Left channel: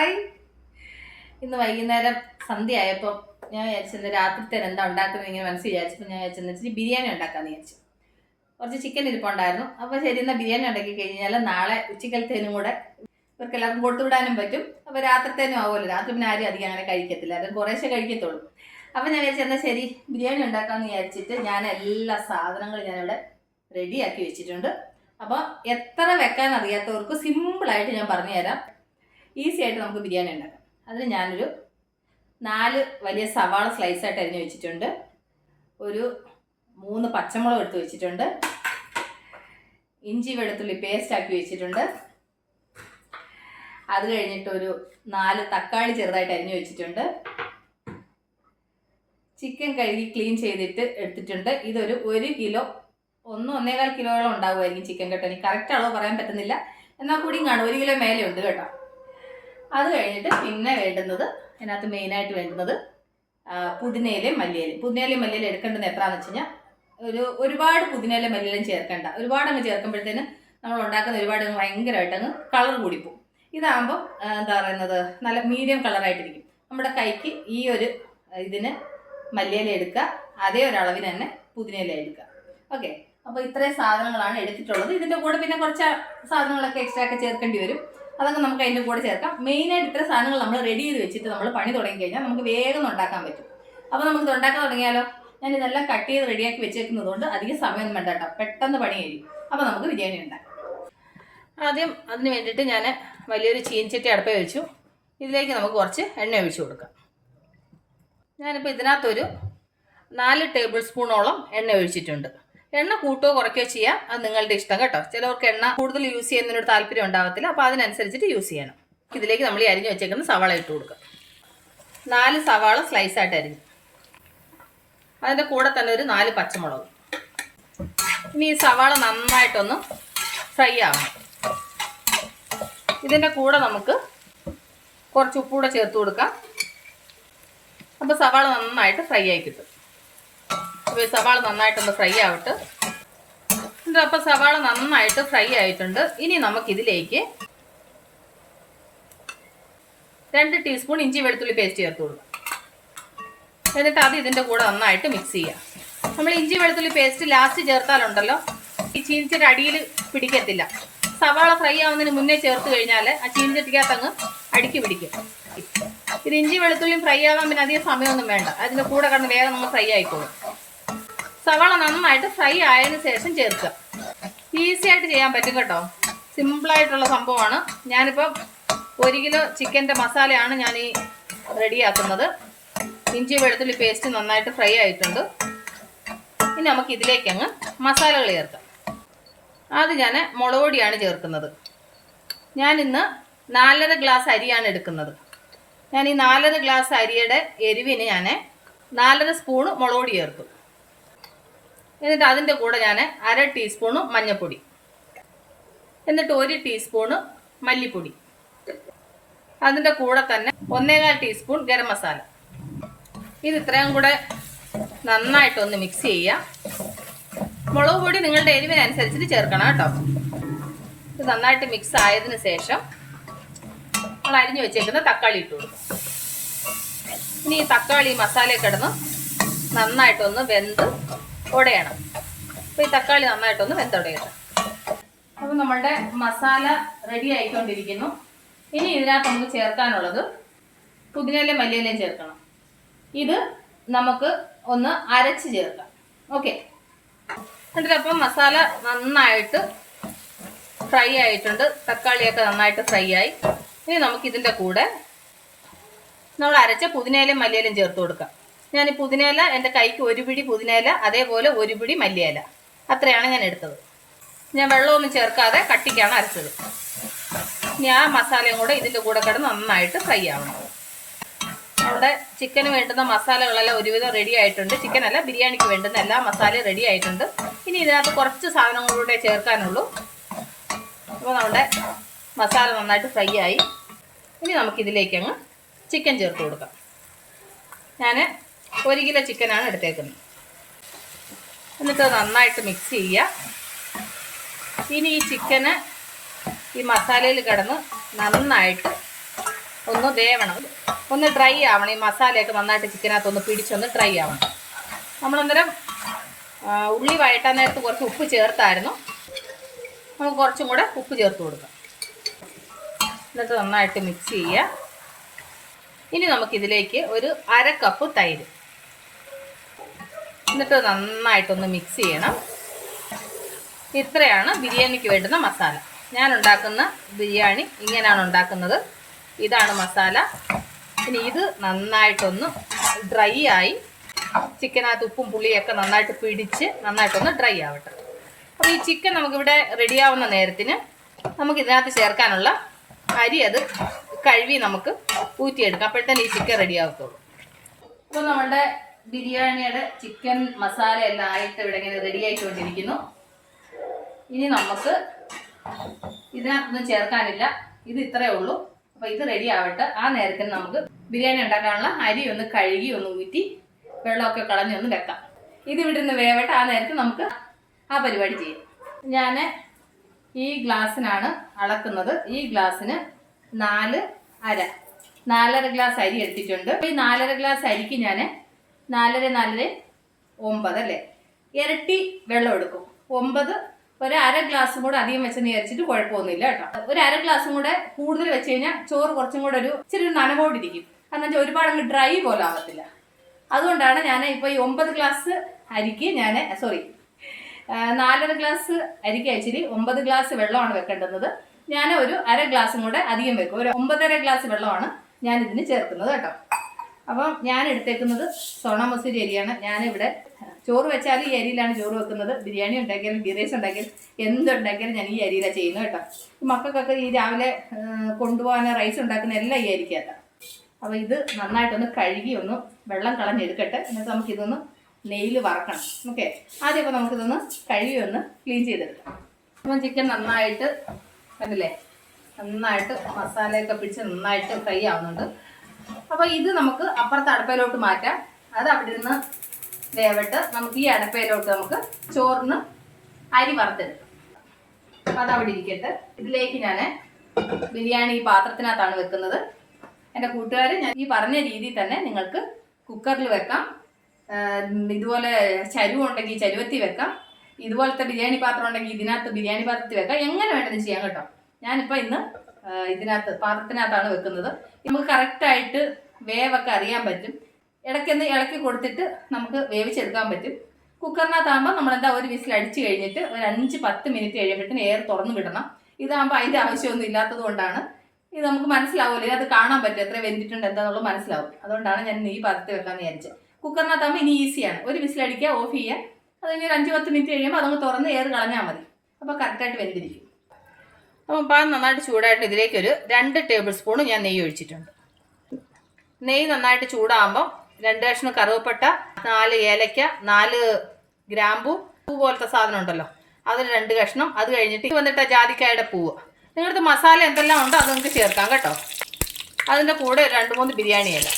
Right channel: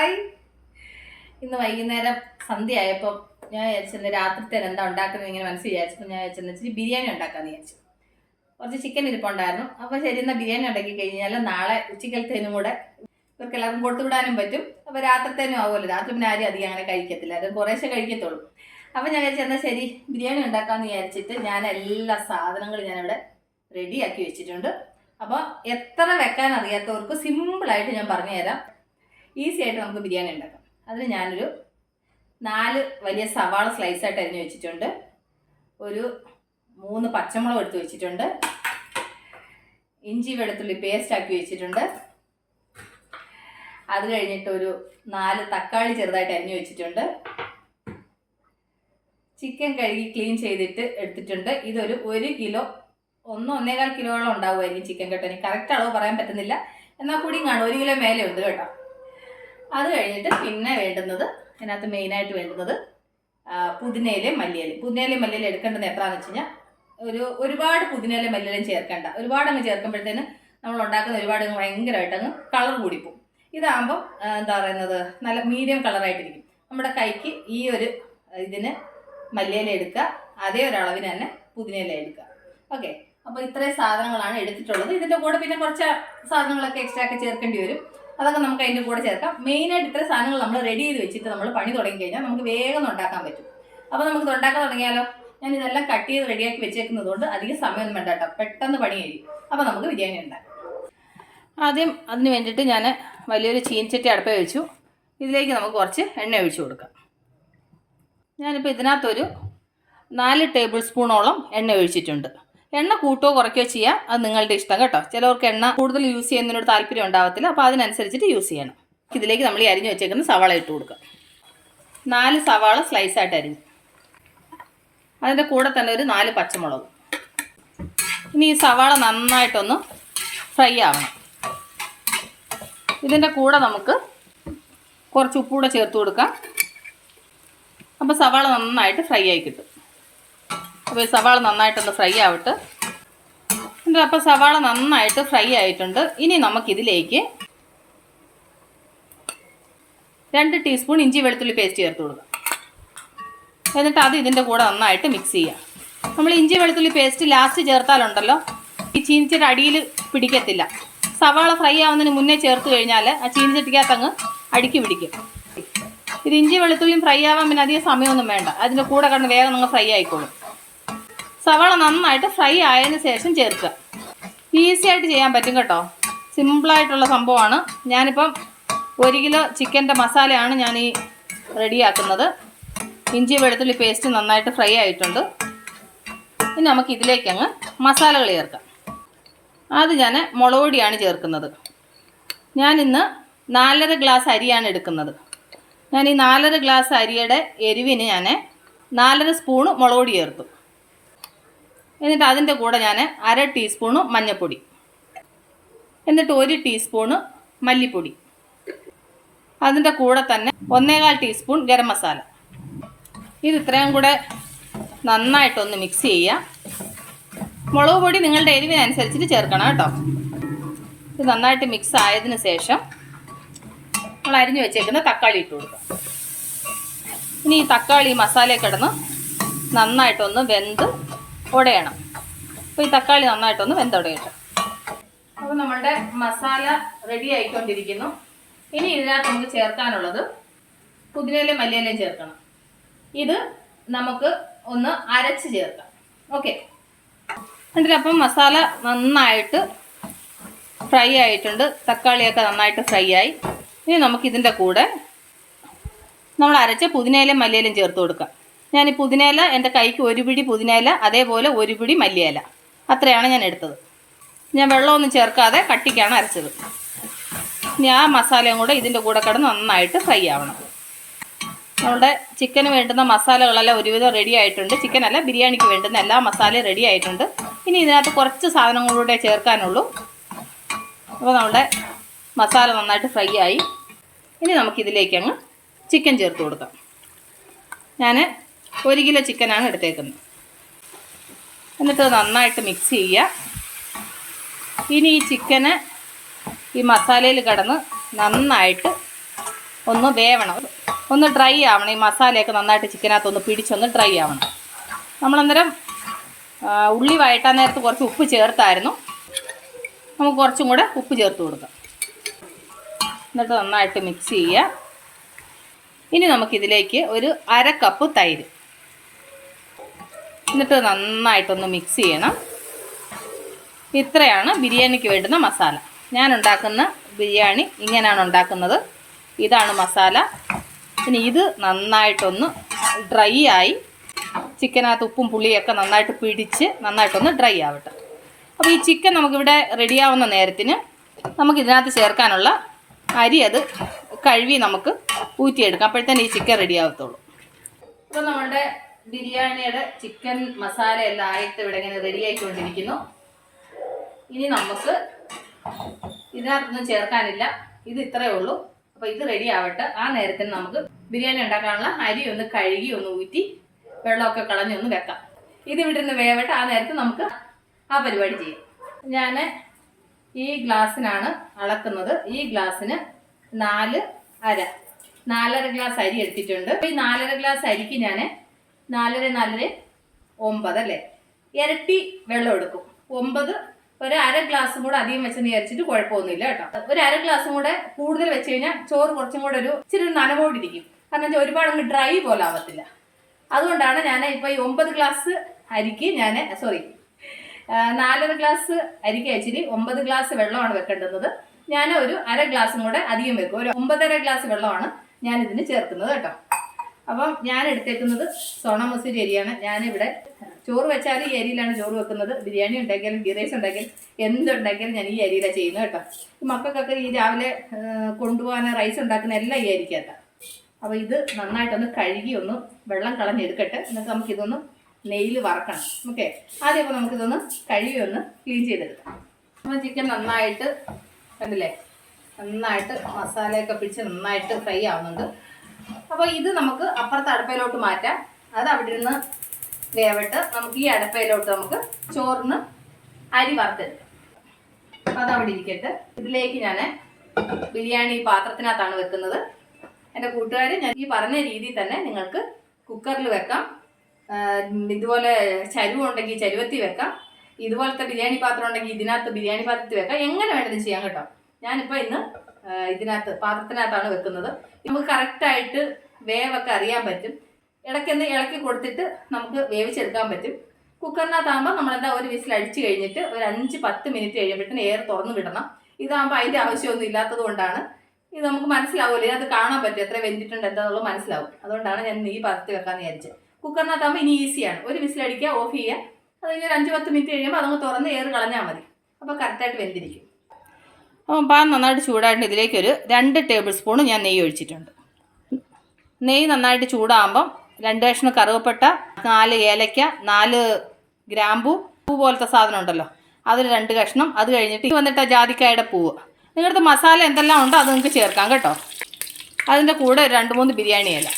Hi ഇന്ന് വൈകുന്നേരം സന്ധ്യ ആയപ്പോൾ ഞാൻ വിചാരിച്ചത് രാത്രിത്തേന് എന്താ ഉണ്ടാക്കുന്നത് ഇങ്ങനെ മനസ്സിൽ വിചാരിച്ചപ്പോൾ ഞാൻ വിചാരിച്ചെന്ന് വെച്ചാൽ ബിരിയാണി ഉണ്ടാക്കാമെന്ന് വിചാരിച്ചു. കുറച്ച് ചിക്കൻ ഇരിപ്പുണ്ടായിരുന്നു അപ്പോൾ ശരി എന്നാൽ ബിരിയാണി ഉണ്ടാക്കി കഴിഞ്ഞാൽ നാളെ ഉച്ചക്കലത്തേനും കൂടെ ഇവർക്ക് എല്ലാവർക്കും കൊടുത്തു വിടാനും പറ്റും. അപ്പോൾ രാത്രിത്തേനും ആവുമല്ലോ. രാത്രി പിന്നെ ആരും അധികം അങ്ങനെ കഴിക്കത്തില്ല. അത് കുറേശ്ശെ കഴിക്കത്തുള്ളൂ. അപ്പോൾ ഞാൻ വിചാരിച്ചു എന്നാൽ ശരി ബിരിയാണി ഉണ്ടാക്കാമെന്ന് വിചാരിച്ചിട്ട് ഞാൻ എല്ലാ സാധനങ്ങളും ഞാനിവിടെ റെഡിയാക്കി വെച്ചിട്ടുണ്ട്. അപ്പോൾ എത്ര വെക്കാൻ അറിയാത്തവർക്ക് സിമ്പിളായിട്ട് ഞാൻ പറഞ്ഞു തരാം ഈസി ആയിട്ട് നമുക്ക് ബിരിയാണി ഉണ്ടാക്കാം. അതിന് ഞാനൊരു നാല് വലിയ സവാള സ്ലൈസ് ആയിട്ട് അരിഞ്ഞ് വെച്ചിട്ടുണ്ട്. ഒരു മൂന്ന് പച്ചമുളക് എടുത്ത് വെച്ചിട്ടുണ്ട്. ഇഞ്ചി വെളുത്തുള്ളി പേസ്റ്റ് ആക്കി വെച്ചിട്ടുണ്ട്. അത് കഴിഞ്ഞിട്ട് ഒരു നാല് തക്കാളി ചെറുതായിട്ട് അരിഞ്ഞു വെച്ചിട്ടുണ്ട്. ചിക്കൻ കഴുകി ക്ലീൻ ചെയ്തിട്ട് എടുത്തിട്ടുണ്ട്. ഇതൊരു ഒരു കിലോ ഒന്ന് ഒന്നേകാൽ കിലോയോളം ഉണ്ടാവുമായിരിക്കും ചിക്കൻ കേട്ടോ എനിക്ക് കറക്റ്റ് അളവ് പറയാൻ പറ്റുന്നില്ല. എന്നാൽ കൂടിയും കാണും. ഒരു കിലോ മേലെ ഉണ്ട് കേട്ടോ. അത് കഴിഞ്ഞിട്ട് പിന്നെ വേണ്ടുന്നത് അതിനകത്ത് മെയിനായിട്ട് വേണ്ടുന്നത് പുതിനയിലയും മല്ലിയിലയും. പുതിനയിലയും മല്ലിയിലും എടുക്കേണ്ടത് എത്രയാണെന്ന് വെച്ച് കഴിഞ്ഞാൽ ഒരു ഒരുപാട് പുതിനയിലയും മല്ലിയിലയും ചേർക്കേണ്ട. ഒരുപാട് അങ്ങ് ചേർക്കുമ്പോഴത്തേന് നമ്മൾ ഉണ്ടാക്കുന്ന ഒരുപാട് ഭയങ്കരമായിട്ട് അങ്ങ് കളർ കൂടിപ്പോവും. ഇതാകുമ്പം എന്താ പറയുന്നത് നല്ല മീഡിയം കളറായിട്ടിരിക്കും നമ്മുടെ കൈക്ക് ഈ ഒരു ഇതിന് മല്ലിയില എടുക്കുക അതേ ഒരളവിന് തന്നെ പുതിനയില എടുക്കുക. ഓക്കെ? അപ്പോൾ ഇത്രയും സാധനങ്ങളാണ് എടുത്തിട്ടുള്ളത്. ഇതിന്റെ കൂടെ പിന്നെ കുറച്ച് സാധനങ്ങളൊക്കെ എക്സ്ട്രാ ഒക്കെ ചേർക്കേണ്ടി വരും. അതൊക്കെ നമുക്ക് അതിന്റെ കൂടെ ചേർക്കാം. മെയിനായിട്ട് ഇത്ര സാധനങ്ങൾ നമ്മൾ റെഡി ചെയ്ത് വെച്ചിട്ട് നമ്മൾ പണി തുടങ്ങി കഴിഞ്ഞാൽ നമുക്ക് വേഗം ഉണ്ടാക്കാൻ പറ്റും. അപ്പോൾ നമുക്ക് ഉണ്ടാക്കാൻ തുടങ്ങിയാലോ? ഞാൻ ഇതെല്ലാം കട്ട് ചെയ്ത് റെഡിയാക്കി വെച്ചേക്കുന്നത് കൊണ്ട് അധികം സമയമൊന്നും വേണ്ട കേട്ടോ. പെട്ടെന്ന് പണി കഴിയും. അപ്പോൾ നമുക്ക് ബിരിയാണി ഉണ്ടാക്കാം. ആദ്യം അതിന് വേണ്ടിയിട്ട് ഞാൻ വലിയൊരു ചീൻചട്ടി അടുപ്പേ വെച്ചു. ഇതിലേക്ക് നമുക്ക് കുറച്ച് എണ്ണ ഒഴിച്ചു കൊടുക്കാം. ഞാനിപ്പോൾ ഇതിനകത്തൊരു നാല് ടേബിൾ സ്പൂണോളം എണ്ണ ഒഴിച്ചിട്ടുണ്ട്. എണ്ണ കൂട്ടോ കുറയ്ക്കുകയോ ചെയ്യാം. അത് നിങ്ങളുടെ ഇഷ്ടം കേട്ടോ. ചിലവർക്ക് എണ്ണ കൂടുതൽ യൂസ് ചെയ്യുന്നതിനോട് താല്പര്യം ഉണ്ടാവത്തില്ല. അപ്പോൾ അതിനനുസരിച്ചിട്ട് യൂസ് ചെയ്യണം. ഇതിലേക്ക് നമ്മൾ ഈ അരിഞ്ഞ് വെച്ചേക്കുന്ന സവാള ഇട്ട് കൊടുക്കുക. നാല് സവാള സ്ലൈസായിട്ട് അരിഞ്ഞു. അതിന്റെ കൂടെ തന്നെ ഒരു നാല് പച്ചമുളക്. ഇനി ഈ സവാള നന്നായിട്ടൊന്ന് ഫ്രൈ ആവണം. ഇതിന്റെ കൂടെ നമുക്ക് കുറച്ച് ഉപ്പൂടെ ചേർത്ത് കൊടുക്കാം. അപ്പോൾ സവാള നന്നായിട്ട് ഫ്രൈ ആയി കിട്ടും. അപ്പോൾ ഈ സവാള നന്നായിട്ടൊന്ന് ഫ്രൈ ആവട്ടെ. എന്നിട്ട് അപ്പോൾ സവാള നന്നായിട്ട് ഫ്രൈ ആയിട്ടുണ്ട്. ഇനി നമുക്കിതിലേക്ക് രണ്ട് ടീസ്പൂൺ ഇഞ്ചി വെളുത്തുള്ളി പേസ്റ്റ് ചേർത്ത് കൊടുക്കാം. എന്നിട്ട് അത് ഇതിന്റെ കൂടെ നന്നായിട്ട് മിക്സ് ചെയ്യുക നമ്മൾ ഇഞ്ചി വെളുത്തുള്ളി പേസ്റ്റ് ലാസ്റ്റ് ചേർത്താലുണ്ടല്ലോ ഈ ചീനിച്ചിട്ട് അടിയിൽ പിടിക്കത്തില്ല. സവാള ഫ്രൈ ആവുന്നതിന് മുന്നേ ചേർത്ത് കഴിഞ്ഞാൽ ആ ചീനിച്ചട്ടിക്കകത്ത് അങ്ങ് അടിക്ക് പിടിക്കും. ഇത് ഇഞ്ചി വെളുത്തുള്ളിയും ഫ്രൈ ആവാൻ പിന്നെ അധികം സമയമൊന്നും വേണ്ട. അതിന്റെ കൂടെ കണ്ട് വേഗം നമ്മൾ ഫ്രൈ ആയിക്കോളും. സവാള നന്നായിട്ട് ഫ്രൈ ആയതിനു ശേഷം ചേർക്കുക. ഈസി ആയിട്ട് ചെയ്യാൻ പറ്റും കേട്ടോ. സിമ്പിളായിട്ടുള്ള സംഭവമാണ്. ഞാനിപ്പം ഒരു കിലോ ചിക്കന്റെ മസാലയാണ് ഞാൻ ഈ റെഡിയാക്കുന്നത്. ഇഞ്ചി വെളുത്തുള്ളി പേസ്റ്റ് നന്നായിട്ട് ഫ്രൈ ആയിട്ടുണ്ട്. ഇനി നമുക്ക് ഇതിലേക്ക് അങ്ങ് മസാലകൾ ചേർക്കാം. അത് ഞാൻ മുളക് പൊടിയാണ് ചേർക്കുന്നത്. ഞാനിന്ന് നാലര ഗ്ലാസ് അരിയാണ് എടുക്കുന്നത്. ഞാൻ ഈ നാലര ഗ്ലാസ് അരിയുടെ എരിവിന് ഞാൻ നാലര സ്പൂണ് മുളക് പൊടി ചേർക്കും എന്നിട്ട് അതിന്റെ കൂടെ ഞാൻ അര ടീസ്പൂണ് മഞ്ഞൾപ്പൊടി എന്നിട്ട് ഒരു ടീസ്പൂണ് മല്ലിപ്പൊടി. അതിന്റെ കൂടെ തന്നെ ഒന്നേകാൽ ടീസ്പൂൺ ഗരം മസാല. ഇത് ഇത്രയും കൂടെ നന്നായിട്ടൊന്ന് മിക്സ് ചെയ്യുക മുളക് പൊടി നിങ്ങളുടെ എരിവിനനുസരിച്ചിട്ട് ചേർക്കണം കേട്ടോ. ഇത് നന്നായിട്ട് മിക്സ് ആയതിനു ശേഷം നമ്മൾ അരിഞ്ഞു വെച്ചേക്കുന്ന തക്കാളി ഇട്ട് കൊടുക്കാം. ഇനി ഈ തക്കാളി മസാല കിടന്ന് നന്നായിട്ടൊന്ന് വെന്ത് ഉടയണം അപ്പോൾ ഈ തക്കാളി നന്നായിട്ടൊന്ന് വെന്തുടയട്ടെ. അപ്പോൾ നമ്മളുടെ മസാല റെഡി ആയിക്കൊണ്ടിരിക്കുന്നു. ഇനി ഇതിനകത്ത് നമുക്ക് ചേർക്കാനുള്ളത് പുതിനയിലും മല്ലിയിലേയും ചേർക്കണം. ഇത് നമുക്ക് ഒന്ന് അരച്ച് ചേർക്കാം. ഓക്കെ. എന്നിട്ട് അപ്പം മസാല നന്നായിട്ട് ഫ്രൈ ആയിട്ടുണ്ട്. തക്കാളിയൊക്കെ നന്നായിട്ട് ഫ്രൈ ആയി. ഇനി നമുക്കിതിന്റെ കൂടെ നമ്മൾ അരച്ച് പുതിനയിലും മല്ലിയിലും ചേർത്ത് കൊടുക്കാം. ഞാൻ ഈ പുതിനയില എന്റെ കൈക്ക് ഒരു പിടി പുതിനയില അതേപോലെ ഒരു പിടി മല്ലിയില. അത്രയാണ് ഞാൻ എടുത്തത്. ഞാൻ വെള്ളമൊന്നും ചേർക്കാതെ കട്ടിക്കാണ് അരച്ചത്. ഇനി ആ മസാലയും കൂടെ ഇതിന്റെ കൂടെ കിടന്ന് നന്നായിട്ട് ഫ്രൈ ആവണം. നമ്മുടെ ചിക്കന് വേണ്ടുന്ന മസാലകളെല്ലാം ഒരുവിധം റെഡി ആയിട്ടുണ്ട്. ചിക്കനല്ല ബിരിയാണിക്ക് വേണ്ടുന്ന എല്ലാ മസാലയും റെഡി ആയിട്ടുണ്ട്. ഇനി ഇതിനകത്ത് കുറച്ച് സാധനങ്ങളൂടെ ചേർക്കാനുള്ളൂ. അപ്പോൾ നമ്മുടെ മസാല നന്നായിട്ട് ഫ്രൈ ആയി. ഇനി നമുക്കിതിലേക്ക് അങ്ങ് ചിക്കൻ ചേർത്ത് കൊടുക്കാം. ഞാൻ ഒരു കിലോ ചിക്കനാണ് എടുത്തേക്കുന്നത്. എന്നിട്ട് നന്നായിട്ട് മിക്സ് ചെയ്യുക. ഇനി ഈ ചിക്കന് ഈ മസാലയിൽ കിടന്ന് നന്നായിട്ട് ഒന്ന് വേവണം. ഒന്ന് ഡ്രൈ ആവണം. ഈ മസാലയൊക്കെ നന്നായിട്ട് ചിക്കനകത്ത് ഒന്ന് പിടിച്ചൊന്ന് ഡ്രൈ ആവണം. നമ്മളന്നേരം ഉള്ളി വഴറ്റാൻ നേരത്ത് കുറച്ച് ഉപ്പ് ചേർത്തായിരുന്നു. നമുക്ക് കുറച്ചും കൂടെ ഉപ്പ് ചേർത്ത് കൊടുക്കാം. എന്നിട്ട് നന്നായിട്ട് മിക്സ് ചെയ്യുക. ഇനി നമുക്കിതിലേക്ക് ഒരു അര കപ്പ് തൈര്. എന്നിട്ട് നന്നായിട്ടൊന്ന് മിക്സ് ചെയ്യണം. ഇത്രയാണ് ബിരിയാണിക്ക് വേണ്ടുന്ന മസാല. ഞാൻ ഉണ്ടാക്കുന്ന ബിരിയാണി ഇങ്ങനെയാണ് ഉണ്ടാക്കുന്നത്. ഇതാണ് മസാല. ഇനി ഇത് നന്നായിട്ടൊന്ന് ഡ്രൈ ആയി ചിക്കനകത്ത് ഉപ്പും പുളിയൊക്കെ നന്നായിട്ട് പിടിച്ച് നന്നായിട്ടൊന്ന് ഡ്രൈ ആവട്ടെ. അപ്പോൾ ഈ ചിക്കൻ നമുക്കിവിടെ റെഡിയാവുന്ന നേരത്തിന് നമുക്ക് ഇതിനകത്ത് ചേർക്കാനുള്ള അരി അത് കഴുകി നമുക്ക് ഊറ്റിയെടുക്കാം. അപ്പോഴത്തേന് ഈ ചിക്കൻ റെഡി ആവത്തുള്ളൂ. അപ്പോൾ നമ്മുടെ ബിരിയാണിയുടെ ചിക്കൻ മസാല എല്ലാം ആയിട്ട് ഇവിടെ ഇങ്ങനെ റെഡി ആയിക്കൊണ്ടിരിക്കുന്നു. ഇനി നമുക്ക് ഇതിനകത്തൊന്നും ചേർക്കാനില്ല. ഇത് ഇത്രയേ ഉള്ളൂ. അപ്പോൾ ഇത് റെഡി ആവട്ടെ. ആ നേരത്തിന് നമുക്ക് ബിരിയാണി ഉണ്ടാക്കാനുള്ള അരി ഒന്ന് കഴുകി ഒന്ന് ഊറ്റി വെള്ളമൊക്കെ കളഞ്ഞൊന്ന് വെക്കാം. ഇത് ഇവിടെ നിന്ന് വേവട്ടെ. ആ നേരത്ത് നമുക്ക് ആ പരിപാടി ചെയ്യാം. ഞാൻ ഈ ഗ്ലാസ്സിനാണ് അളക്കുന്നത്. ഈ ഗ്ലാസ്സിന് നാല് അര. നാലര ഗ്ലാസ് അരി എടുത്തിട്ടുണ്ട്. ഈ നാലര ഗ്ലാസ് അരിക്ക് ഞാൻ നാലര നാലര ഒമ്പത് അല്ലേ ഇരട്ടി വെള്ളം എടുക്കും. ഒമ്പത് ഒരു അര ഗ്ലാസും കൂടെ അധികം വെച്ചെന്ന് വിചാരിച്ചിട്ട് കുഴപ്പമൊന്നുമില്ല കേട്ടോ. ഒരു അര ഗ്ലാസും കൂടെ കൂടുതൽ വെച്ച് കഴിഞ്ഞാൽ ചോറ് കുറച്ചും കൂടെ ഒരു ഇച്ചിരി നനവോടിരിക്കും. കാരണം വെച്ചാൽ ഒരുപാട് അങ്ങ് ഡ്രൈ പോലെ ആവത്തില്ല. അതുകൊണ്ടാണ് ഞാൻ ഇപ്പോൾ ഈ ഒമ്പത് ഗ്ലാസ് അരിക്ക് ഞാൻ സോറി നാലര ഗ്ലാസ് അരിക്ക് അയച്ചിട്ട് ഒമ്പത് ഗ്ലാസ് വെള്ളമാണ് വെക്കേണ്ടത് ഞാൻ ഒരു അര ഗ്ലാസും കൂടെ അധികം വെക്കും. ഒരു ഒമ്പതര ഗ്ലാസ് വെള്ളമാണ് ഞാൻ ഇതിന് ചേർക്കുന്നത് കേട്ടോ. അപ്പം ഞാൻ എടുത്തേക്കുന്നത് സോണ മസൂരി അരിയാണ് ഞാനിവിടെ ചോറ് വെച്ചാൽ ഈ അരിയിലാണ് ചോറ് വെക്കുന്നത്. ബിരിയാണി ഉണ്ടെങ്കിലും ബിറൈസ് ഉണ്ടെങ്കിലും എന്തുണ്ടെങ്കിലും ഞാൻ ഈ അരിയിലാണ് ചെയ്യുന്നത് കേട്ടോ. മക്കൾക്കൊക്കെ ഈ രാവിലെ കൊണ്ടുപോകാൻ റൈസ് ഉണ്ടാക്കുന്ന എല്ലാം ഈ അരിക്കാത്ത അപ്പോൾ ഇത് നന്നായിട്ടൊന്ന് കഴുകി ഒന്ന് വെള്ളം കളഞ്ഞെടുക്കട്ടെ എന്നിട്ട് നമുക്കിതൊന്ന് നെയ്യിൽ വറക്കണം. ഓക്കെ? ആദ്യം അപ്പോൾ നമുക്കിതൊന്ന് കഴുകി ഒന്ന് ക്ലീൻ ചെയ്തെടുക്കാം. അപ്പം ചിക്കൻ നന്നായിട്ട് കണ്ടില്ലേ? നന്നായിട്ട് മസാലയൊക്കെ പിടിച്ച് നന്നായിട്ട് ഫ്രൈ ആവുന്നുണ്ട്. അപ്പോൾ ഇത് നമുക്ക് അപ്പുറത്തെ അടുപ്പയിലോട്ട് മാറ്റാം. അത് അവിടെ നിന്ന് വേവട്ട് നമുക്ക് ഈ അടുപ്പയിലോട്ട് നമുക്ക് ചോറിന് അരി വറുത്തെടുക്കാം. അത് അവിടെ ഇരിക്കട്ടെ. ഇതിലേക്ക് ഞാൻ ബിരിയാണി ഈ പാത്രത്തിനകത്താണ് വെക്കുന്നത്. എന്റെ കൂട്ടുകാർ ഞാൻ ഈ പറഞ്ഞ രീതിയിൽ തന്നെ നിങ്ങൾക്ക് കുക്കറിൽ വെക്കാം. ഇതുപോലെ ചരുവ ഉണ്ടെങ്കിൽ ചരുവത്തി വെക്കാം. ഇതുപോലത്തെ ബിരിയാണി പാത്രം ഉണ്ടെങ്കിൽ ഇതിനകത്ത് ബിരിയാണി പാത്രത്തിൽ വെക്കാം. എങ്ങനെ വേണ്ടത് ചെയ്യാം കേട്ടോ. ഞാനിപ്പോൾ ഇന്ന് ഇതിനകത്ത് പാത്രത്തിനകത്താണ് വെക്കുന്നത്. നമുക്ക് കറക്റ്റായിട്ട് വേവൊക്കെ അറിയാൻ പറ്റും. ഇടയ്ക്കൊന്ന് ഇളക്കി കൊടുത്തിട്ട് നമുക്ക് വേവിച്ചെടുക്കാൻ പറ്റും. കുക്കറിനകത്താകുമ്പോൾ നമ്മളെന്താ ഒരു വിസിൽ അടിച്ചു കഴിഞ്ഞിട്ട് ഒരു അഞ്ച് പത്ത് മിനിറ്റ് കഴിയുമ്പോഴത്തേന് എയർ തുറന്നു വിടണം. ഇതാകുമ്പോൾ അതിന്റെ ആവശ്യമൊന്നും ഇല്ലാത്തത് കൊണ്ടാണ്. ഇത് നമുക്ക് മനസ്സിലാവില്ല ഇതിനകത്ത് കാണാൻ പറ്റും എത്ര വെന്തിട്ടുണ്ട് എന്താണെന്നുള്ളത് മനസ്സിലാവും. അതുകൊണ്ടാണ് ഞാൻ ഈ പാത്രത്തിൽ വെക്കാമെന്ന് വിചാരിച്ചത്. കുക്കറിനകത്താകുമ്പോൾ ഇനി ഈസിയാണ് ഒരു വിസിൽ അടിക്കുക ഓഫ് ചെയ്യുക. അത് കഴിഞ്ഞ് ഒരു അഞ്ച് പത്ത് മിനിറ്റ് കഴിയുമ്പോൾ അതങ്ങ് തുറന്ന് എയർ കളഞ്ഞാൽ മതി. അപ്പോൾ കറക്റ്റായിട്ട് വെന്തിരിക്കും. അപ്പം പാൻ നന്നായിട്ട് ചൂടായിട്ട് ഇതിലേക്കൊരു രണ്ട് ടേബിൾ സ്പൂൺ ഞാൻ നെയ്യ് ഒഴിച്ചിട്ടുണ്ട്. നെയ്യ് നന്നായിട്ട് ചൂടാകുമ്പം രണ്ട് കഷ്ണം കറുവപ്പട്ട നാല് ഏലയ്ക്ക നാല് ഗ്രാമ്പു പൂ പോലത്തെ സാധനം ഉണ്ടല്ലോ. അതിൽ രണ്ട് കഷ്ണം. അത് കഴിഞ്ഞിട്ട് വന്നിട്ട് ജാതിക്കായുടെ പൂവ്. നിങ്ങളുടെ മസാല എന്തെല്ലാം ഉണ്ടോ അത് നിങ്ങൾക്ക് ചേർക്കാം കേട്ടോ. അതിന്റെ കൂടെ രണ്ട് മൂന്ന് ബിരിയാണി ഇല.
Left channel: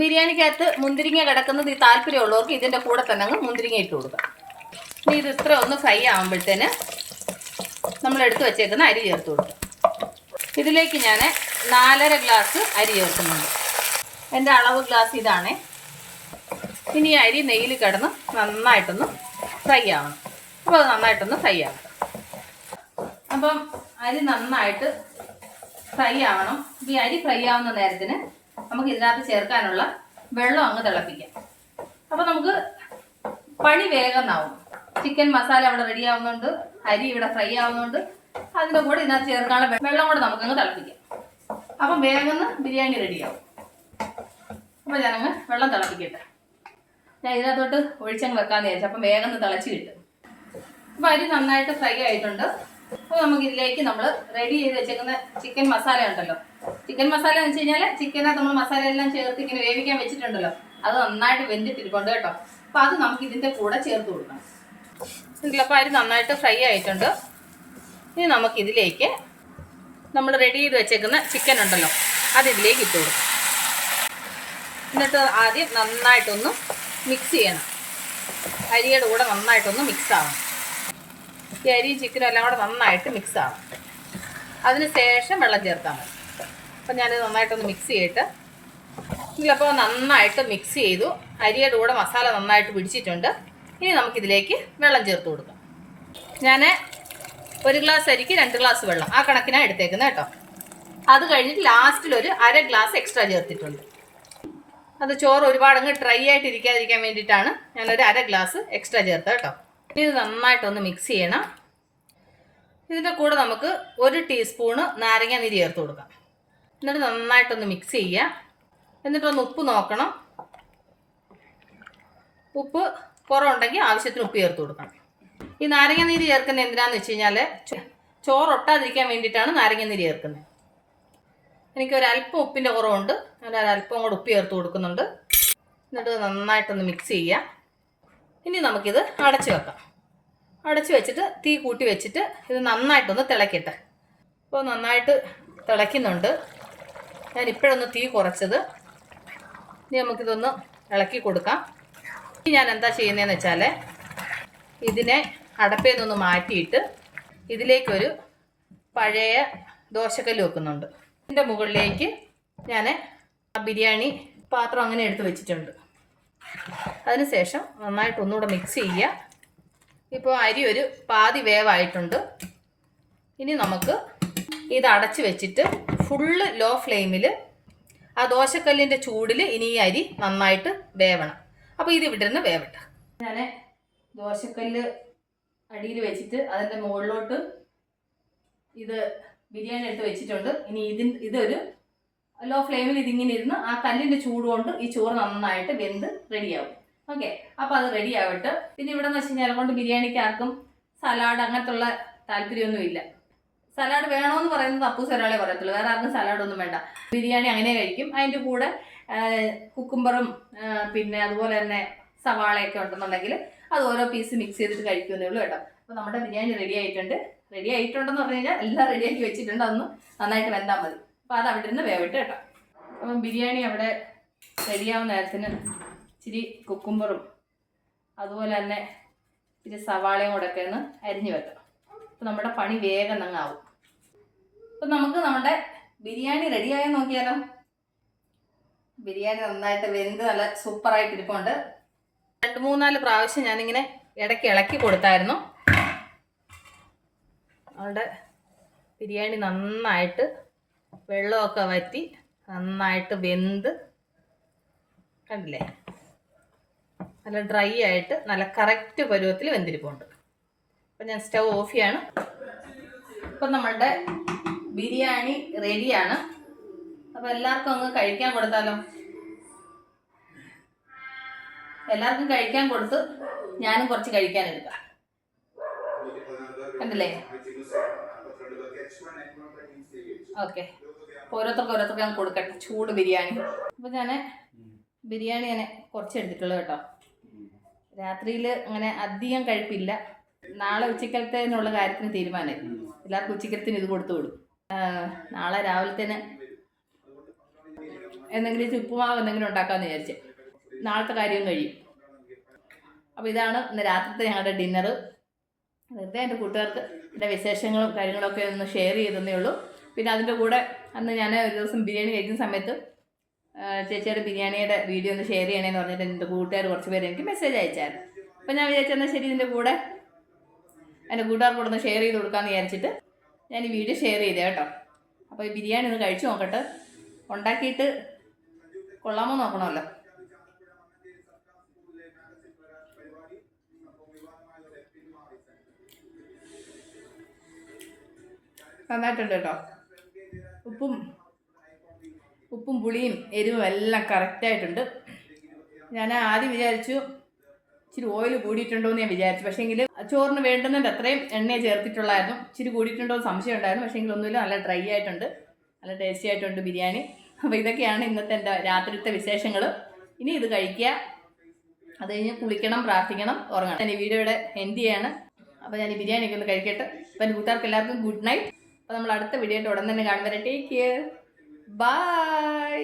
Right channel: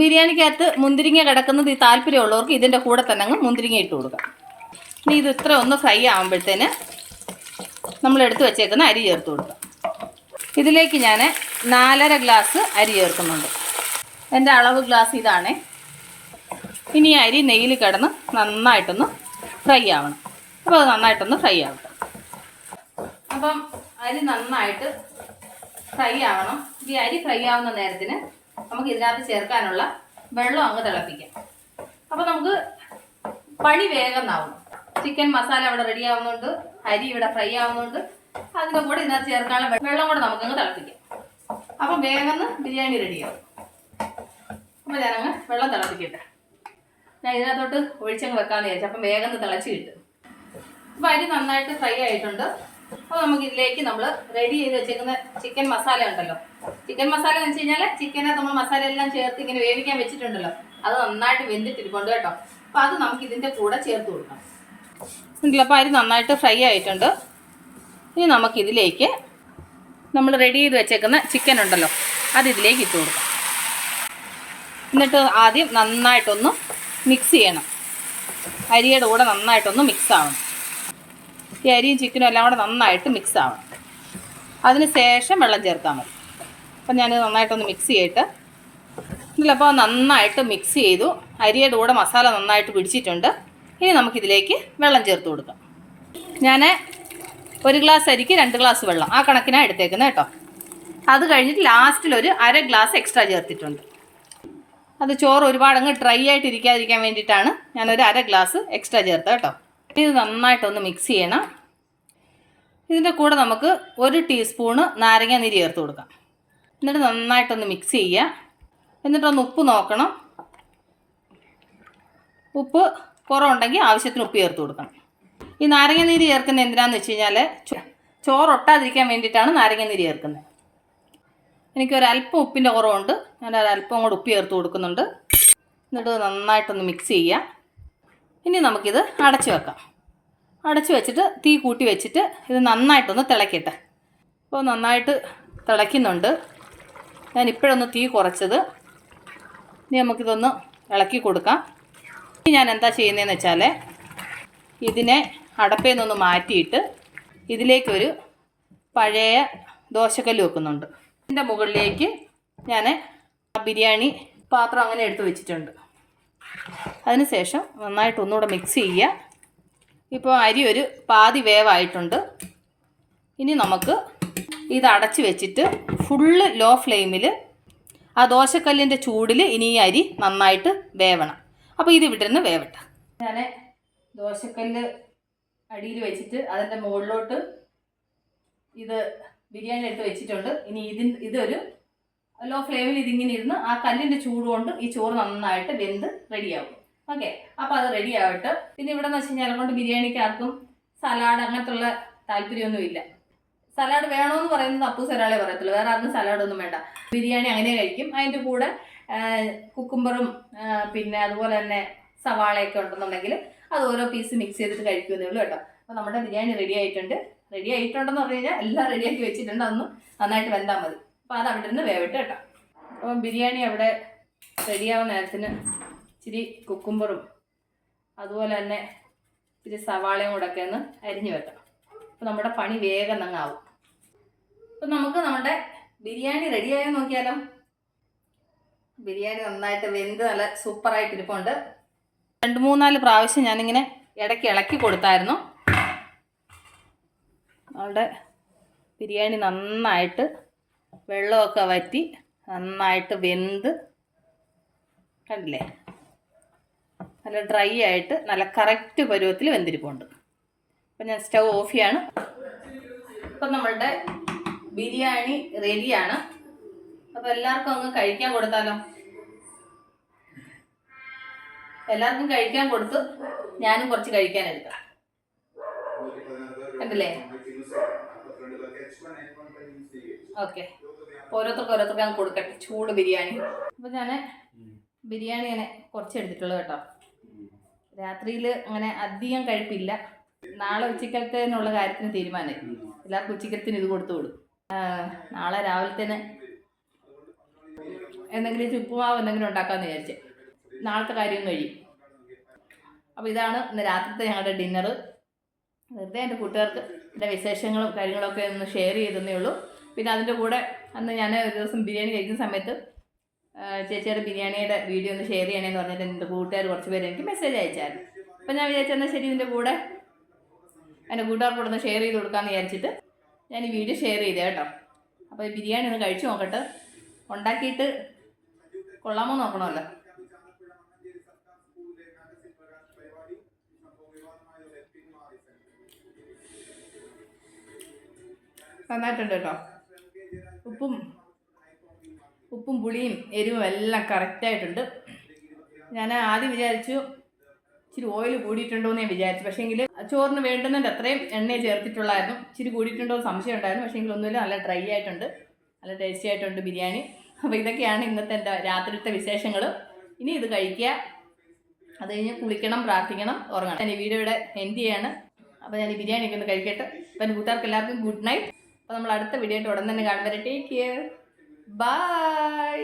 ബിരിയാണിക്കകത്ത് മുന്തിരിങ്ങ കിടക്കുന്നത് ഈ താല്പര്യമുള്ളവർക്ക് ഇതിന്റെ കൂടെ തന്നെ അങ്ങ് മുന്തിരിങ്ങ ഇട്ട് കൊടുക്കാം. ഇനി ഇത് ഇത്ര ഒന്ന് ഫ്രൈ ആകുമ്പോഴത്തേന് നമ്മൾ എടുത്തു വെച്ചേക്കുന്ന അരി ചേർത്ത് കൊടുക്കാം. ഇതിലേക്ക് ഞാൻ നാലര ഗ്ലാസ് അരി ചേർക്കുന്നുണ്ട്. എന്റെ അളവ് ഗ്ലാസ് ഇതാണേ. ഇനി അരി നെയ്യിൽ കിടന്ന് നന്നായിട്ടൊന്ന് ഫ്രൈ ആവണം. അപ്പോൾ അത് നന്നായിട്ടൊന്ന് ഫ്രൈ ആവണം. അപ്പം അരി നന്നായിട്ട് ഫ്രൈ ആവണം. ഈ അരി ഫ്രൈ ആവുന്ന നേരത്തിന് നമുക്ക് ഇതിനകത്ത് ചേർക്കാനുള്ള വെള്ളം അങ്ങ് തിളപ്പിക്കാം. അപ്പോൾ നമുക്ക് പണി വേഗം ആവും. ചിക്കൻ മസാല അവിടെ റെഡി ആവുന്നുണ്ട്. അരി ഇവിടെ ഫ്രൈ ആവുന്നുണ്ട്. അതിന്റെ കൂടെ ഇതിനകത്ത് ചേർക്കാനുള്ള വെള്ളം കൂടെ നമുക്കങ്ങ് തിളപ്പിക്കാം. അപ്പം വേഗം ബിരിയാണി റെഡിയാവും അപ്പോൾ ഞാനങ്ങ് വെള്ളം തിളപ്പിക്കട്ടെ. ഞാൻ ഇതിനകത്തോട്ട് ഒഴിച്ചങ്ങ് വെക്കാമെന്ന് വിചാരിച്ചു. അപ്പം വേഗം തിളച്ച് കിട്ടും. അപ്പോൾ അരി നന്നായിട്ട് ഫ്രൈ ആയിട്ടുണ്ട്. അപ്പോൾ നമുക്ക് ഇതിലേക്ക് നമ്മൾ റെഡി ചെയ്ത് വെച്ചേക്കുന്ന ചിക്കൻ മസാല ഉണ്ടല്ലോ. ചിക്കൻ മസാല എന്ന് വെച്ച് കഴിഞ്ഞാൽ ചിക്കനകത്ത് നമ്മൾ മസാല എല്ലാം ചേർത്ത് ഇങ്ങനെ വേവിക്കാൻ വെച്ചിട്ടുണ്ടല്ലോ. അത് നന്നായിട്ട് വെന്തിട്ടിരിപ്പുണ്ട് കേട്ടോ. അപ്പോൾ അത് നമുക്ക് ഇതിന്റെ കൂടെ ചേർത്ത് കൊടുക്കണം. ഉണ്ടല്ലോ അപ്പോൾ അരി നന്നായിട്ട് ഫ്രൈ ആയിട്ടുണ്ട്. ഇനി നമുക്കിതിലേക്ക് നമ്മൾ റെഡി ചെയ്ത് വെച്ചേക്കുന്ന ചിക്കൻ ഉണ്ടല്ലോ അത് ഇതിലേക്ക് ഇട്ട് കൊടുക്കാം. എന്നിട്ട് ആദ്യം നന്നായിട്ടൊന്ന് മിക്സ് ചെയ്യണം. അരിയുടെ കൂടെ നന്നായിട്ടൊന്ന് മിക്സ് ആവണം. ഈ അരിയും ചിക്കനും എല്ലാം കൂടെ നന്നായിട്ട് മിക്സ് ആവണം. അതിന് ശേഷം വെള്ളം ചേർത്താൽ മതി. അപ്പം ഞാൻ നന്നായിട്ടൊന്ന് മിക്സ് ചെയ്തിട്ട് ഇതിലപ്പോൾ നന്നായിട്ട് മിക്സ് ചെയ്തു. അരിയുടെ കൂടെ മസാല നന്നായിട്ട് പിടിച്ചിട്ടുണ്ട്. ഇനി നമുക്കിതിലേക്ക് വെള്ളം ചേർത്ത് കൊടുക്കാം. ഞാൻ ഒരു ഗ്ലാസ് അരിക്ക് രണ്ട് ഗ്ലാസ് വെള്ളം. ആ കണക്കിനാണ് എടുത്തേക്കുന്നത് കേട്ടോ. അത് കഴിഞ്ഞിട്ട് ലാസ്റ്റിൽ ഒരു അര ഗ്ലാസ് എക്സ്ട്രാ ചേർത്തിട്ടുണ്ട്. അത് ചോറ് ഒരുപാട് അങ്ങ് ഡ്രൈ ആയിട്ട് ഇരിക്കാതിരിക്കാൻ വേണ്ടിയിട്ടാണ് ഞാനൊരു അര ഗ്ലാസ് എക്സ്ട്രാ ചേർത്തത് കേട്ടോ. ഇത് നന്നായിട്ടൊന്ന് മിക്സ് ചെയ്യണം. ഇതിന്റെ കൂടെ നമുക്ക് ഒരു ടീസ്പൂണ് നാരങ്ങ നീര് ചേർത്ത് കൊടുക്കാം. എന്നിട്ട് നന്നായിട്ടൊന്ന് മിക്സ് ചെയ്യുക. എന്നിട്ടൊന്ന് ഉപ്പ് നോക്കണം. ഉപ്പ് കുറവുണ്ടെങ്കിൽ ആവശ്യത്തിന് ഉപ്പ് ചേർത്ത് കൊടുക്കണം. ഈ നാരങ്ങ നീര് ചേർക്കുന്നത് എന്തിനാന്ന് വെച്ച് കഴിഞ്ഞാൽ ചോറ് ഒട്ടാതിരിക്കാൻ വേണ്ടിയിട്ടാണ് നാരങ്ങ നീര് ചേർക്കുന്നത്. എനിക്കൊരല്പം ഉപ്പിന്റെ കുറവുണ്ട്. ഞാൻ ഒരല്പം കൂടെ ഉപ്പ് ചേർത്ത് കൊടുക്കുന്നുണ്ട്. എന്നിട്ട് നന്നായിട്ടൊന്ന് മിക്സ് ചെയ്യുക. ഇനി നമുക്കിത് അടച്ചു വെക്കാം. അടച്ചു വെച്ചിട്ട് തീ കൂട്ടി വെച്ചിട്ട് ഇത് നന്നായിട്ടൊന്ന് തിളക്കട്ടെ. അപ്പോൾ നന്നായിട്ട് തിളയ്ക്കുന്നുണ്ട്. ഞാൻ ഇപ്പോഴൊന്ന് തീ കുറച്ചത്. ഇനി നമുക്കിതൊന്ന് ഇളക്കി കൊടുക്കാം. ഞാൻ എന്താ ചെയ്യുന്നതെന്ന് വെച്ചാൽ ഇതിനെ അടപ്പയിൽ നിന്നൊന്ന് മാറ്റിയിട്ട് ഇതിലേക്കൊരു പഴയ ദോശക്കല്ല് വെക്കുന്നുണ്ട്. ഇതിന്റെ മുകളിലേക്ക് ഞാൻ ബിരിയാണി പാത്രം അങ്ങനെ എടുത്ത് വെച്ചിട്ടുണ്ട്. അതിനുശേഷം നന്നായിട്ട് ഒന്നുകൂടെ മിക്സ് ചെയ്യുക. ഇപ്പോൾ അരി ഒരു പാതി വേവായിട്ടുണ്ട്. ഇനി നമുക്ക് ഇത് അടച്ച് വെച്ചിട്ട് ഫുള്ള് ലോ ഫ്ലെയിമിൽ ആ ദോശക്കല്ലിന്റെ ചൂടിൽ ഇനി ഈ അരി നന്നായിട്ട് വേവണം. അപ്പോൾ ഇത് ഇവിടെ നിന്ന് വേവട്ടെ. ഞാൻ ദോശക്കല്ല് അടിയിൽ വെച്ചിട്ട് അതിന്റെ മുകളിലോട്ട് ഇത് ബിരിയാണി എടുത്ത് വെച്ചിട്ടുണ്ട്. ഇനി ഇതിൻ ഇതൊരു ലോ ഫ്ലെയിമിൽ ഇതിങ്ങനെ ഇരുന്ന് ആ കല്ലിന്റെ ചൂട് കൊണ്ട് ഈ ചോറ് നന്നായിട്ട് വെന്ത് റെഡിയാവും ഓക്കെ അപ്പോൾ അത് റെഡി ആവട്ടെ. പിന്നെ ഇവിടെ എന്ന് വെച്ച് കഴിഞ്ഞാൽ കൊണ്ട് ബിരിയാണിക്ക് ആർക്കും സലാഡ് അങ്ങനത്തുള്ള താല്പര്യമൊന്നുമില്ല സലാഡ് വേണമെന്ന് പറയുന്നത് അപ്പൂസ് ഒരാളെ പറയത്തുള്ളൂ. വേറെ ആർക്കും സലാഡ് ഒന്നും വേണ്ട. ബിരിയാണി അങ്ങനെ കഴിക്കും. അതിന്റെ കൂടെ കുക്കുംബറും പിന്നെ അതുപോലെ തന്നെ സവാളയൊക്കെ ഉണ്ടെന്നുണ്ടെങ്കിൽ അത് ഓരോ പീസ് മിക്സ് ചെയ്തിട്ട് കഴിക്കുന്നേ ഉള്ളൂ കേട്ടോ. അപ്പോൾ നമ്മുടെ ബിരിയാണി റെഡി ആയിട്ടുണ്ട്. റെഡി ആയിട്ടുണ്ടെന്ന് പറഞ്ഞു കഴിഞ്ഞാൽ എല്ലാം റെഡിയാക്കി വെച്ചിട്ടുണ്ട്. അതൊന്ന് നന്നായിട്ട് വെന്താൽ മതി. അപ്പോൾ അത് അവിടെ നിന്ന് വേവിട്ട് കേട്ടോ. അപ്പം ബിരിയാണി അവിടെ റെഡിയാവുന്ന നേരത്തിന് ഇച്ചിരി കുക്കുംബറും അതുപോലെ തന്നെ ഇച്ചിരി സവാളയും കൂടെ ഒക്കെ ഒന്ന് അരിഞ്ഞു വെക്കണം അപ്പോൾ നമ്മുടെ പണി വേഗം അങ്ങാവും അപ്പം നമുക്ക് നമ്മുടെ ബിരിയാണി റെഡിയായോ നോക്കിയാലോ. ബിരിയാണി നന്നായിട്ട് വെന്ത് നല്ല സൂപ്പറായിട്ട് ഇരിപ്പുണ്ട്. രണ്ട് മൂന്നാൽ പ്രാവശ്യം ഞാനിങ്ങനെ ഇടയ്ക്ക് ഇളക്കി കൊടുത്തായിരുന്നു. നമ്മുടെ ബിരിയാണി നന്നായിട്ട് വെള്ളമൊക്കെ വറ്റി നന്നായിട്ട് വെന്ത് കണ്ടില്ലേ? നല്ല ഡ്രൈ ആയിട്ട് നല്ല കറക്റ്റ് പരുവത്തിൽ വെന്തിരിപ്പുണ്ട്. അപ്പം ഞാൻ സ്റ്റവ് ഓഫ് ചെയ്യാണ്. ഇപ്പം നമ്മളുടെ ബിരിയാണി റെഡിയാണ്. അപ്പോൾ എല്ലാവർക്കും അങ്ങ് കഴിക്കാൻ കൊടുത്താലോ? എല്ലാവർക്കും കഴിക്കാൻ കൊടുത്തു. ഞാനും കുറച്ച് കഴിക്കാൻ എടുക്കാം. കണ്ടില്ലേ? ഓക്കെ. ഓരോരുത്തർക്ക് ഓരോരുത്തർക്ക് ഞാൻ കൊടുക്കട്ടെ. ചൂട് ബിരിയാണി. അപ്പോൾ ഞാൻ ബിരിയാണി ഞാൻ കുറച്ച് എടുത്തിട്ടുള്ളൂ കേട്ടോ. രാത്രിയിൽ അങ്ങനെ അധികം കഴിപ്പില്ല. നാളെ ഉച്ചക്കലത്തേനുള്ള കാര്യത്തിന് തീരുമാനമായി എല്ലാവർക്കും ഉച്ചക്കലത്തിന് ഇത് കൊടുത്തു വിടും. നാളെ രാവിലത്തേന് എന്തെങ്കിലും ചുപ്പുമാവ് എന്തെങ്കിലും ഉണ്ടാക്കാമെന്ന് വിചാരിച്ചേ. നാളത്തെ കാര്യം കഴിയും. അപ്പോൾ ഇതാണ് ഇന്ന് രാത്രിത്തെ ഞങ്ങളുടെ ഡിന്നർ വെറുതെ എന്റെ കൂട്ടുകാർക്ക് എന്റെ വിശേഷങ്ങളും കാര്യങ്ങളൊക്കെ ഒന്ന് ഷെയർ ചെയ്തതേ ഉള്ളൂ. പിന്നെ അതിന്റെ കൂടെ അന്ന് ഞാൻ ഒരു ദിവസം ബിരിയാണി കഴിക്കുന്ന സമയത്ത് ചേച്ചിയുടെ ബിരിയാണിയുടെ വീഡിയോ ഒന്ന് ഷെയർ ചെയ്യണേന്ന് പറഞ്ഞിട്ട് എന്റെ കൂട്ടുകാർ കുറച്ച് പേര് എനിക്ക് മെസ്സേജ് അയച്ചായിരുന്നു. അപ്പോൾ ഞാൻ വിചാരിച്ചെന്നാൽ ശരി ഇതിന്റെ കൂടെ എന്റെ കൂട്ടുകാർക്ക് കൂടെ ഒന്ന് ഷെയർ ചെയ്ത് കൊടുക്കാമെന്ന് വിചാരിച്ചിട്ട് ഞാൻ ഈ വീഡിയോ ഷെയർ ചെയ്തേ കേട്ടോ. അപ്പോൾ ഈ ബിരിയാണി ഒന്ന് കഴിച്ചു നോക്കട്ടെ. ഉണ്ടാക്കിയിട്ട് കൊള്ളാമോ നോക്കണമല്ലോ. നന്നായിട്ടുണ്ട് കേട്ടോ ഉപ്പും ഉപ്പും പുളിയും എരിവും എല്ലാം കറക്റ്റായിട്ടുണ്ട് ഞാൻ ആദ്യം വിചാരിച്ചു ഇച്ചിരി ഓയിൽ കൂടിയിട്ടുണ്ടോ എന്ന് ഞാൻ വിചാരിച്ചു. പക്ഷേങ്കിൽ ചോറിന് വേണ്ടുന്നതിന്റെ അത്രയും എണ്ണയെ ചേർത്തിട്ടുള്ളായിരുന്നു ഇച്ചിരി കൂടിയിട്ടുണ്ടോ എന്ന് സംശയം ഉണ്ടായിരുന്നു. പക്ഷേങ്കിൽ ഒന്നുമില്ല നല്ല ഡ്രൈ ആയിട്ടുണ്ട്. നല്ല ടേസ്റ്റി ആയിട്ടുണ്ട് ബിരിയാണി. അപ്പോൾ ഇതൊക്കെയാണ് ഇന്നത്തെ എന്റെ രാത്രിയിലത്തെ വിശേഷങ്ങൾ ഇനി ഇത് കഴിക്കുക. അത് കഴിഞ്ഞ് കുളിക്കണം പ്രാർത്ഥിക്കണം ഉറങ്ങണം. ഞാൻ ഈ ഇവിടെ എൻഡ് ചെയ്യാണ്. അപ്പോൾ ഞാൻ ഈ ബിരിയാണി ഒക്കെ ഒന്ന് കഴിക്കട്ടെ. അപ്പോൾ എന്റെ കൂട്ടുകാർക്ക് എല്ലാവർക്കും ഗുഡ് നൈറ്റ് അപ്പോൾ നമ്മൾ അടുത്ത വീഡിയോ ആയിട്ട് ഉടൻ തന്നെ കാണുമ്പോൾ ടേക്ക് കെയർ ബൈ